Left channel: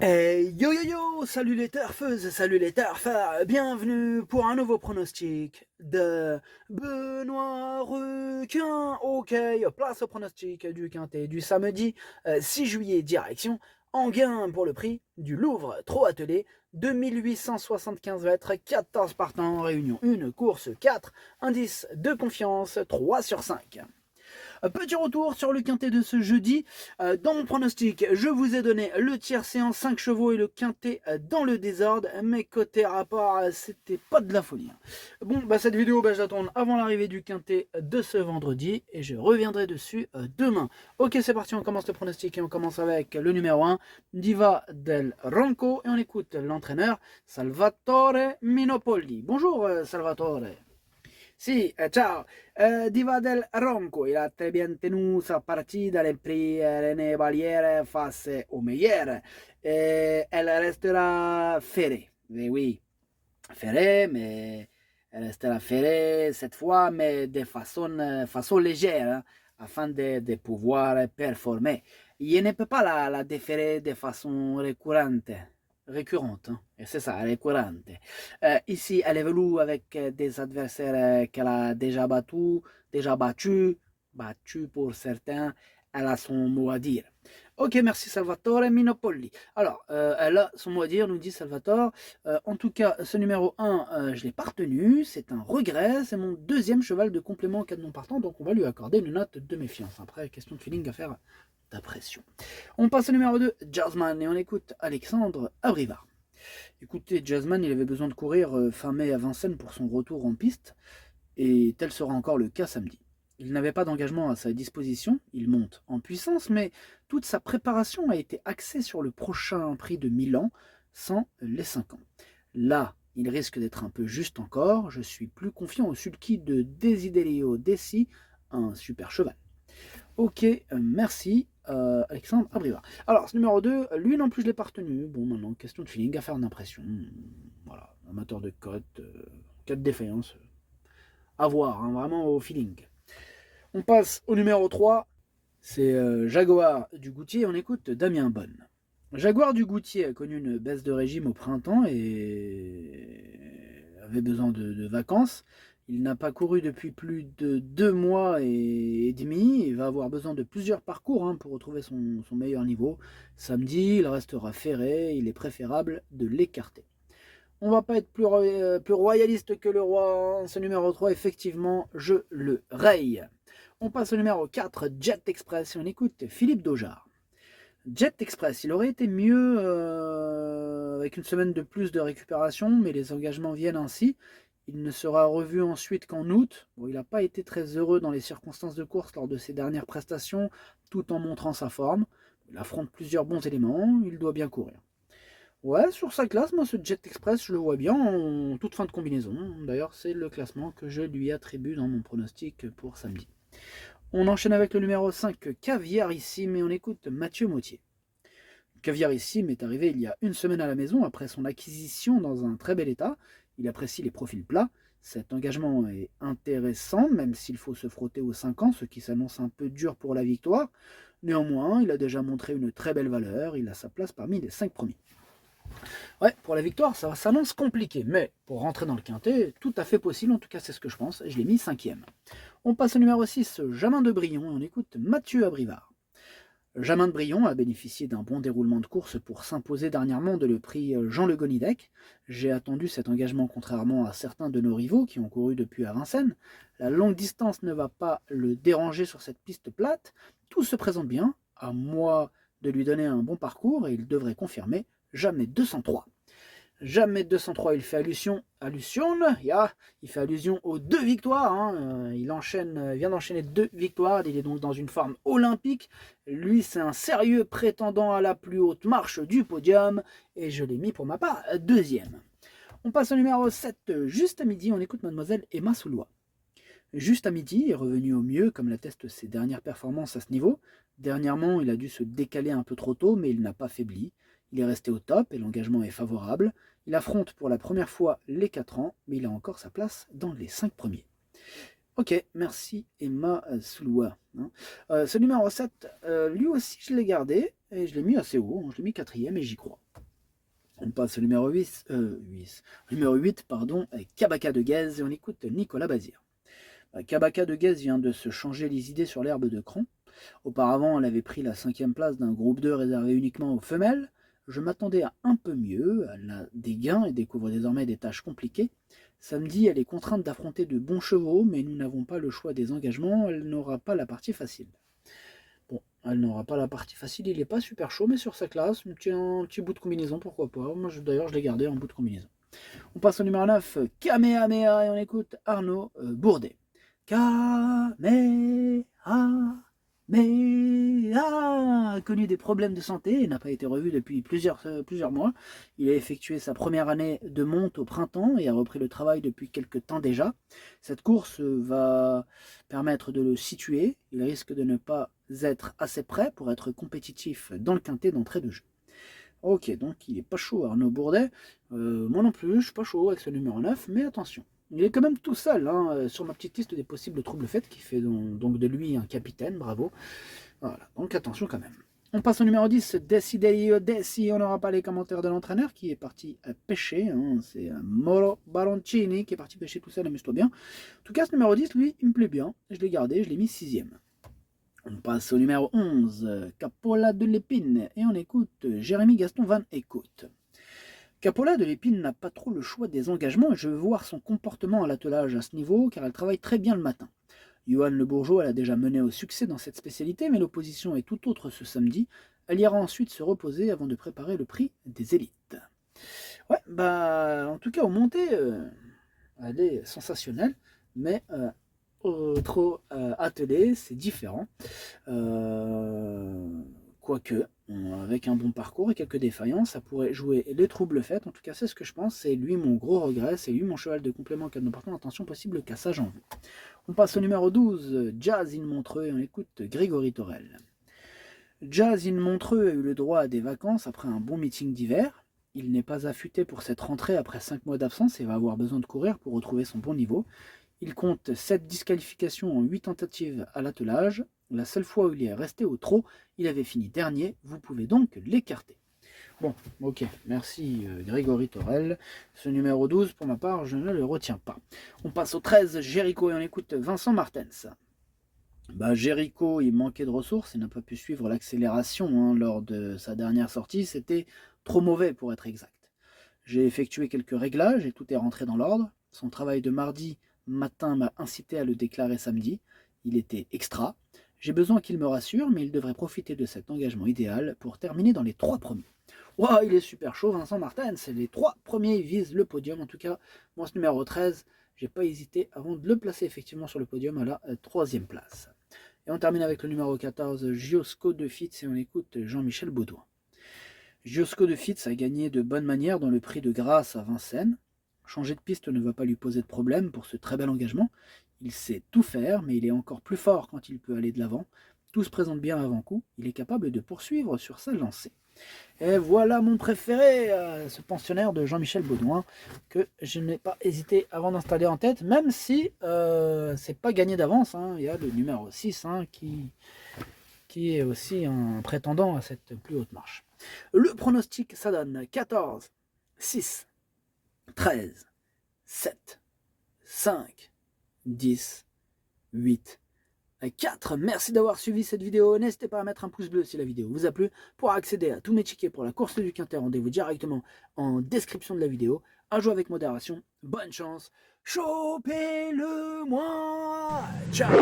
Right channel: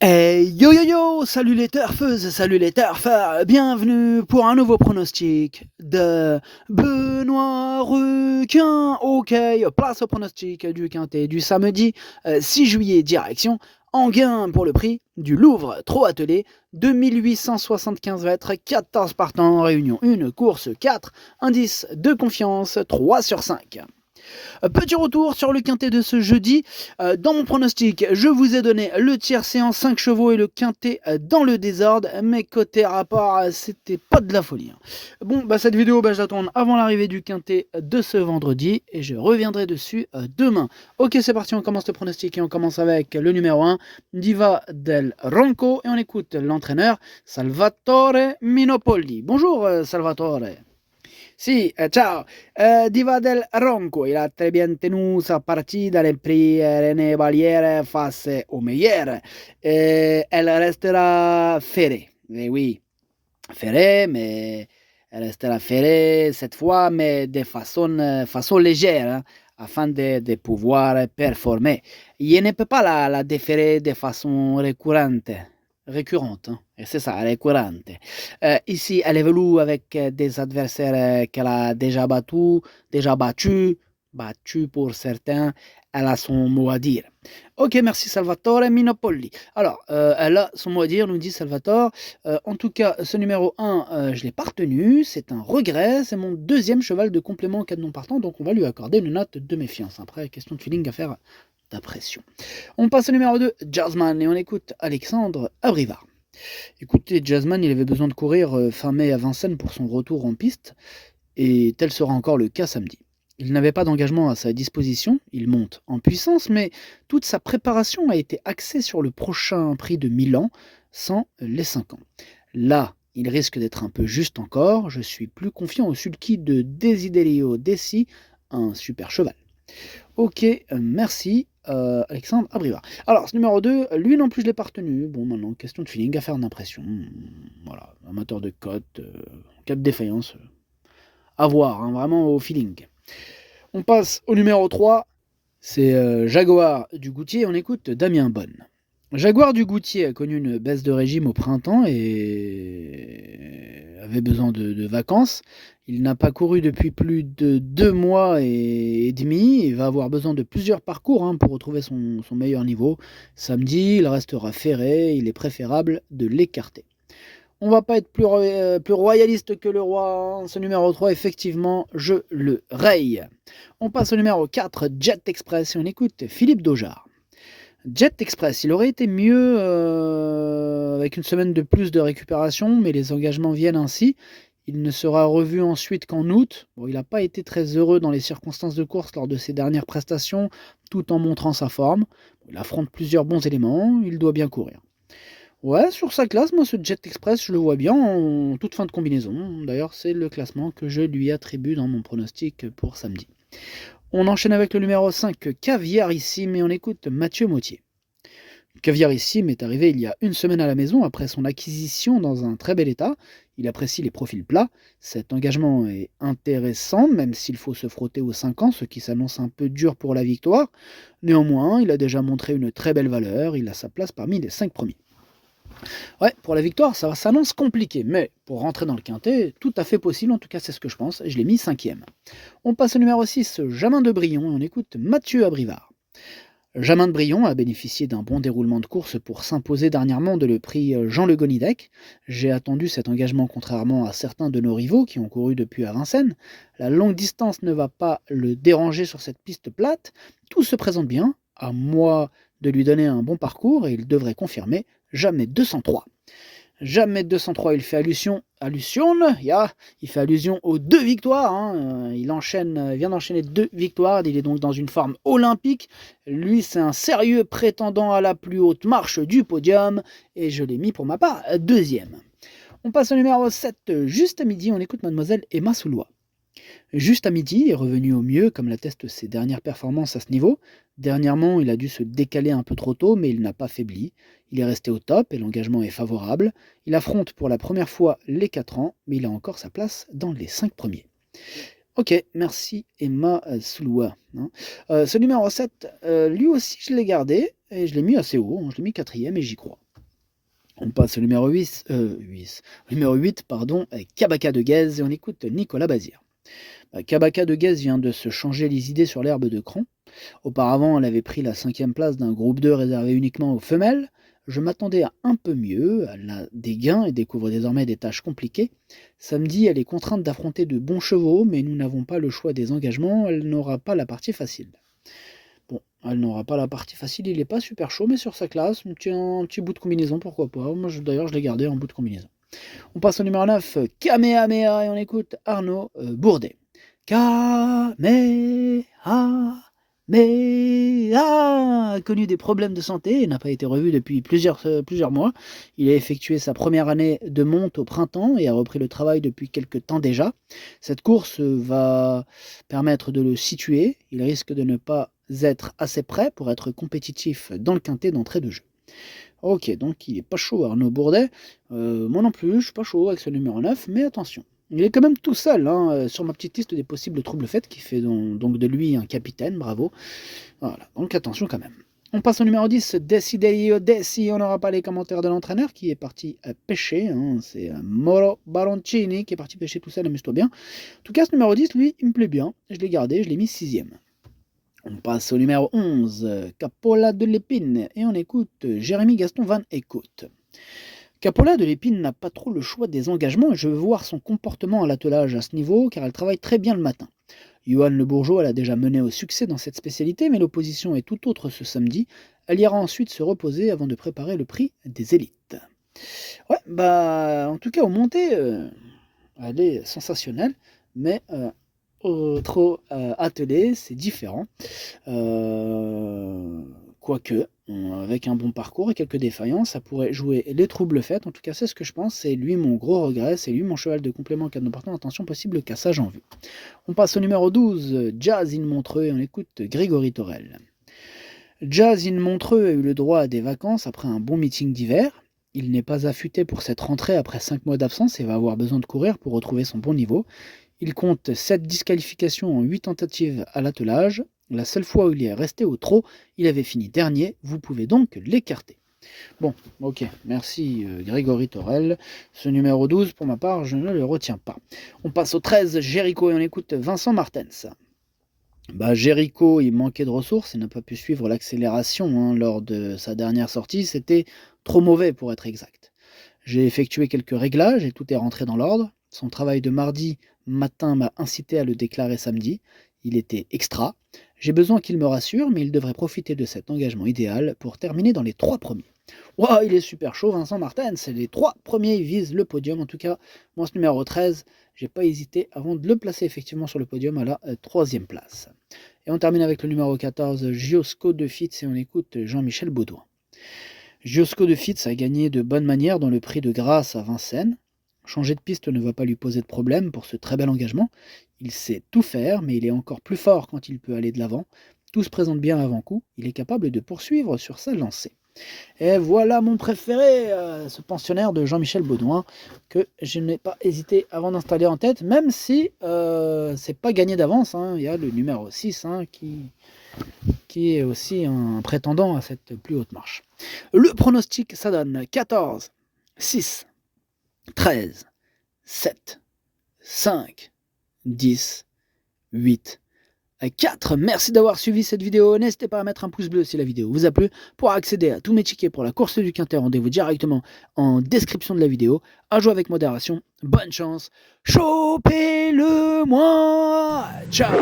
Yo yo yo, salut les turfeuses, salut les turfeurs, bienvenue pour un nouveau pronostic de Benoît Ruquin. Ok, place au pronostic du quintet du samedi 6 juillet, direction Enghien pour le prix du Louvre, trop attelé, 2875 mètres, 14 partants, réunion 1, course 4, indice de confiance 3 sur 5. Petit retour sur le quintet de ce jeudi. Dans mon pronostic, je vous ai donné le tiercé en 5 chevaux et le quintet dans le désordre. Mais côté rapport, c'était pas de la folie. Bon, cette vidéo, je la tourne avant l'arrivée du quintet de ce vendredi et je reviendrai dessus demain. Ok, c'est parti, on commence le pronostic et on commence avec le numéro 1, Diva del Ronco, et on écoute l'entraîneur Salvatore Minopolli. Bonjour Salvatore. Sì, ciao. Diva del Ronco, il a très bien tenu sa partita nel prix René Valière face au meilleur. Elle restera ferrée. Mais oui, ferrée, mais elle restera ferrée cette fois, mais de façon légère, hein, afin de pouvoir performer. Je ne peux pas la déférer de façon récurrente, hein. Et c'est ça, récurrente. Ici, elle évolue avec des adversaires qu'elle a déjà battu pour certains. Elle a son mot à dire. Ok, merci Salvatore Minopolli. Alors, elle a son mot à dire, nous dit Salvatore. En tout cas, ce numéro 1, je ne l'ai pas retenu. C'est un regret. C'est mon deuxième cheval de complément en cas de non partant. Donc, on va lui accorder une note de méfiance. Après, question de feeling à faire d'impression. On passe au numéro 2, Jazzman. Et on écoute Alexandre Abrivard. Écoutez, Jazzman, il avait besoin de courir fin mai à Vincennes pour son retour en piste. Et tel sera encore le cas samedi. Il n'avait pas d'engagement à sa disposition, il monte en puissance, mais toute sa préparation a été axée sur le prochain prix de Milan, sans les 5 ans. Là, il risque d'être un peu juste encore, je suis plus confiant au sulky de Desiderio Dessi, un super cheval. Ok, merci Alexandre Abrivard. Alors, ce numéro 2, lui non plus je l'ai pas retenu. Bon, maintenant, question de feeling, affaire d'impression. Voilà, amateur de cote, cas de défaillance, à voir, hein, vraiment au feeling. On passe au numéro 3, c'est Jaguar du Goutier, on écoute Damien Bonne. Jaguar du Goutier a connu une baisse de régime au printemps et avait besoin de vacances. Il n'a pas couru depuis plus de 2 mois et demi. Il va avoir besoin de plusieurs parcours, hein, pour retrouver son meilleur niveau. Samedi, il restera ferré. Il est préférable de l'écarter. On va pas être plus royaliste que le roi. Ce numéro 3, effectivement, je le raye. On passe au numéro 4, Jet Express, et on écoute Philippe Daujard. Jet Express, il aurait été mieux avec une semaine de plus de récupération, mais les engagements viennent ainsi. Il ne sera revu ensuite qu'en août. Bon, il n'a pas été très heureux dans les circonstances de course lors de ses dernières prestations, tout en montrant sa forme. Il affronte plusieurs bons éléments, il doit bien courir. Ouais, sur sa classe, moi, ce Jet Express, je le vois bien en toute fin de combinaison. D'ailleurs, c'est le classement que je lui attribue dans mon pronostic pour samedi. On enchaîne avec le numéro 5, Caviarissime, et on écoute Mathieu Mautier. Caviarissime est arrivé il y a une semaine à la maison après son acquisition dans un très bel état. Il apprécie les profils plats. Cet engagement est intéressant, même s'il faut se frotter aux 5 ans, ce qui s'annonce un peu dur pour la victoire. Néanmoins, il a déjà montré une très belle valeur. Il a sa place parmi les 5 premiers. Ouais, pour la victoire, ça s'annonce compliqué, mais pour rentrer dans le quintet, tout à fait possible, en tout cas c'est ce que je pense, je l'ai mis 5e. On passe au numéro 6, Jamin de Brion, et on écoute Mathieu Abrivard. Jamin de Brion a bénéficié d'un bon déroulement de course pour s'imposer dernièrement de le prix Jean Le Gonidec. J'ai attendu cet engagement contrairement à certains de nos rivaux qui ont couru depuis à Vincennes. La longue distance ne va pas le déranger sur cette piste plate. Tout se présente bien, à moi de lui donner un bon parcours et il devrait confirmer jamais 203. Jamais 203, il fait il fait allusion aux 2 victoires, hein. Il vient d'enchaîner 2 victoires, il est donc dans une forme olympique. Lui, c'est un sérieux prétendant à la plus haute marche du podium, et je l'ai mis pour ma part 2e. On passe au numéro 7, juste à midi, on écoute mademoiselle Emma Soulois. Juste à midi est revenu au mieux, comme l'attestent ses dernières performances à ce niveau. Dernièrement, il a dû se décaler un peu trop tôt, mais il n'a pas faibli. Il est resté au top et l'engagement est favorable. Il affronte pour la première fois les 4 ans, mais il a encore sa place dans les 5 premiers. Ok, merci Emma Souloua, hein. Ce numéro 7, lui aussi je l'ai gardé et je l'ai mis assez haut, hein. Je l'ai mis 4e et j'y crois. On passe au numéro 8, pardon, avec Kabaka de Guez, et on écoute Nicolas Bazir. Kabaka de Guez vient de se changer les idées sur l'herbe de cran. Auparavant, elle avait pris la 5e place d'un groupe 2 réservé uniquement aux femelles. Je m'attendais à un peu mieux, elle a des gains et découvre désormais des tâches compliquées. Samedi, elle est contrainte d'affronter de bons chevaux, mais nous n'avons pas le choix des engagements, elle n'aura pas la partie facile. Bon, elle n'aura pas la partie facile, il n'est pas super chaud, mais sur sa classe, un petit bout de combinaison, pourquoi pas. Moi, d'ailleurs, je l'ai gardé en bout de combinaison. On passe au numéro 9, Kamehameha, et on écoute Arnaud Bourdet. Kamehameha, a connu des problèmes de santé et n'a pas été revu depuis plusieurs mois. Il a effectué sa première année de monte au printemps et a repris le travail depuis quelques temps déjà. Cette course va permettre de le situer. Il risque de ne pas être assez prêt pour être compétitif dans le quintet d'entrée de jeu. Ok, donc il n'est pas chaud Arnaud Bourdet. Moi non plus, je suis pas chaud avec ce numéro 9, mais attention. Il est quand même tout seul sur ma petite liste des possibles troubles faits, qui fait donc de lui un capitaine, bravo. Voilà, donc attention quand même. On passe au numéro 10, Decideo Desi, on n'aura pas les commentaires de l'entraîneur qui est parti pêcher. C'est Moro Baroncini qui est parti pêcher tout seul, amuse-toi bien. En tout cas, ce numéro 10, lui, il me plaît bien. Je l'ai gardé, je l'ai mis 6ème. On passe au numéro 11, Capola de l'Épine, et on écoute Jérémy Gaston Van Écoute. Capola de l'Épine n'a pas trop le choix des engagements et je veux voir son comportement à l'attelage à ce niveau car elle travaille très bien le matin. Johan Le Bourgeois l'a déjà menée au succès dans cette spécialité, mais l'opposition est tout autre ce samedi. Elle ira ensuite se reposer avant de préparer le prix des élites. Ouais, en tout cas, au monté, elle est sensationnelle, mais trop attelée, c'est différent. Quoique, avec un bon parcours et quelques défaillances, ça pourrait jouer les troubles faits. En tout cas, c'est ce que je pense. C'est lui mon gros regret. C'est lui mon cheval de complément en cas d'importante attention possible cassage en vue. On passe au numéro 12, Jazz in Montreux, et on écoute Grégory Torel. Jazz in Montreux a eu le droit à des vacances après un bon meeting d'hiver. Il n'est pas affûté pour cette rentrée après 5 mois d'absence et va avoir besoin de courir pour retrouver son bon niveau. Il compte 7 disqualifications en 8 tentatives à l'attelage. La seule fois où il est resté au trot, il avait fini dernier. Vous pouvez donc l'écarter. Bon, ok, merci Grégory Torel. Ce numéro 12, pour ma part, je ne le retiens pas. On passe au 13, Jericho, et on écoute Vincent Martens. Jericho, il manquait de ressources et n'a pas pu suivre l'accélération lors de sa dernière sortie. C'était trop mauvais pour être exact. J'ai effectué quelques réglages et tout est rentré dans l'ordre. Son travail de mardi matin m'a incité à le déclarer samedi. Il était extra. J'ai besoin qu'il me rassure, mais il devrait profiter de cet engagement idéal pour terminer dans les 3 premiers. Wow, il est super chaud, Vincent Martens. Les 3 premiers visent le podium. En tout cas, moi, ce numéro 13, j'ai pas hésité avant de le placer effectivement sur le podium à la 3e place. Et on termine avec le numéro 14, Giosco de Fitz, et on écoute Jean-Michel Baudouin. Giosco de Fitz a gagné de bonne manière dans le prix de grâce à Vincennes. Changer de piste ne va pas lui poser de problème pour ce très bel engagement. Il sait tout faire, mais il est encore plus fort quand il peut aller de l'avant. Tout se présente bien avant-coup. Il est capable de poursuivre sur sa lancée. Et voilà mon préféré, ce pensionnaire de Jean-Michel Baudouin, que je n'ai pas hésité avant d'installer en tête, même si c'est pas gagné d'avance. Il y a le numéro 6 qui est aussi un prétendant à cette plus haute marche. Le pronostic, ça donne 14, 6, 13, 7, 5, 10, 8, 4. Merci d'avoir suivi cette vidéo. N'hésitez pas à mettre un pouce bleu si la vidéo vous a plu. Pour accéder à tous mes tickets pour la course du Quintet, rendez-vous directement en description de la vidéo. À jouer avec modération. Bonne chance. Chopez-le moi. Ciao.